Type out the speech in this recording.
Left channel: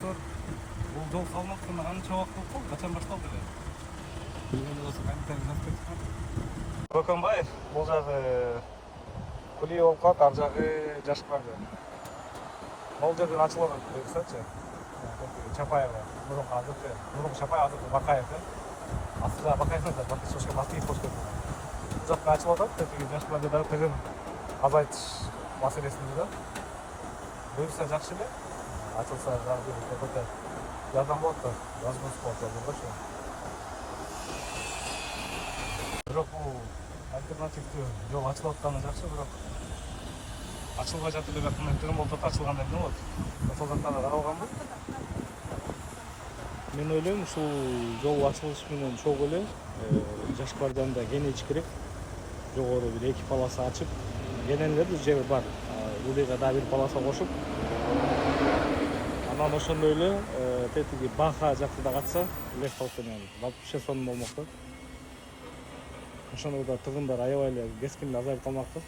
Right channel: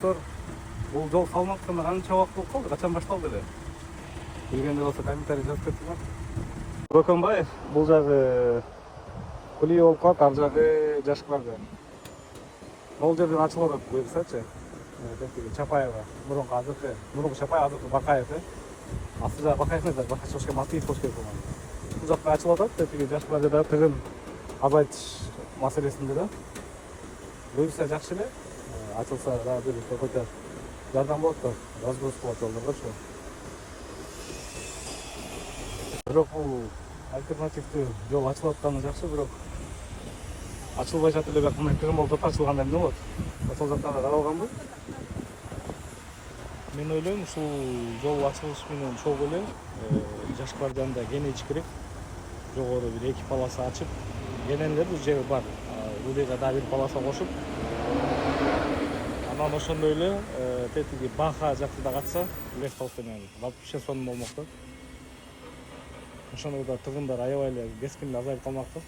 Бул жол салынып атканда канча убакыт болуп калды? Качан башталды эле? Билгенде болсо комментарий жазып кетсиңер. Бөкөнбаев, бул жагы Кулиев болуп калат, ар жагы Жашпарды. Бул жерде ачылып атат көрсөчү. Чапаева, мурунку АЗК, мурунку Чапаев АЗК Бакаев, Асыл жагы Бакаевдер, бир киши Матыев болуп кеткен. Бул жакка ачылып атат, тиги Жашпарды да тыгын азайтыш маселесинде да. Буюрса жакшы эле. Ачылса дагы какой-то жардам болот да, возможно болот эле койчу. Бирок бул альтернативдүү жол ачылып атканы жакшы, бирок ачылбай жатып эле кандай тыгын болуп ачылганда эмне болот? Ачылып жатканда каралганбы? Мен ойлойм, ушул жол ачылышы менен чогуу эле Жашпарданда кенейиш керек. Жогору бир 2 полоса ачып, кенелер жер бар. Улига дагы бир полоса кошуп, анан ошондой эле тетиги Баха жакты да катса, Лефтов менен вообще сонун болмок да. Ошондо да тыгындар аябай эле кескин азайып калмак да.